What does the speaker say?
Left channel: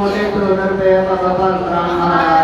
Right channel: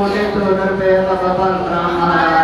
ਨਰ ਹੈ ਜਨ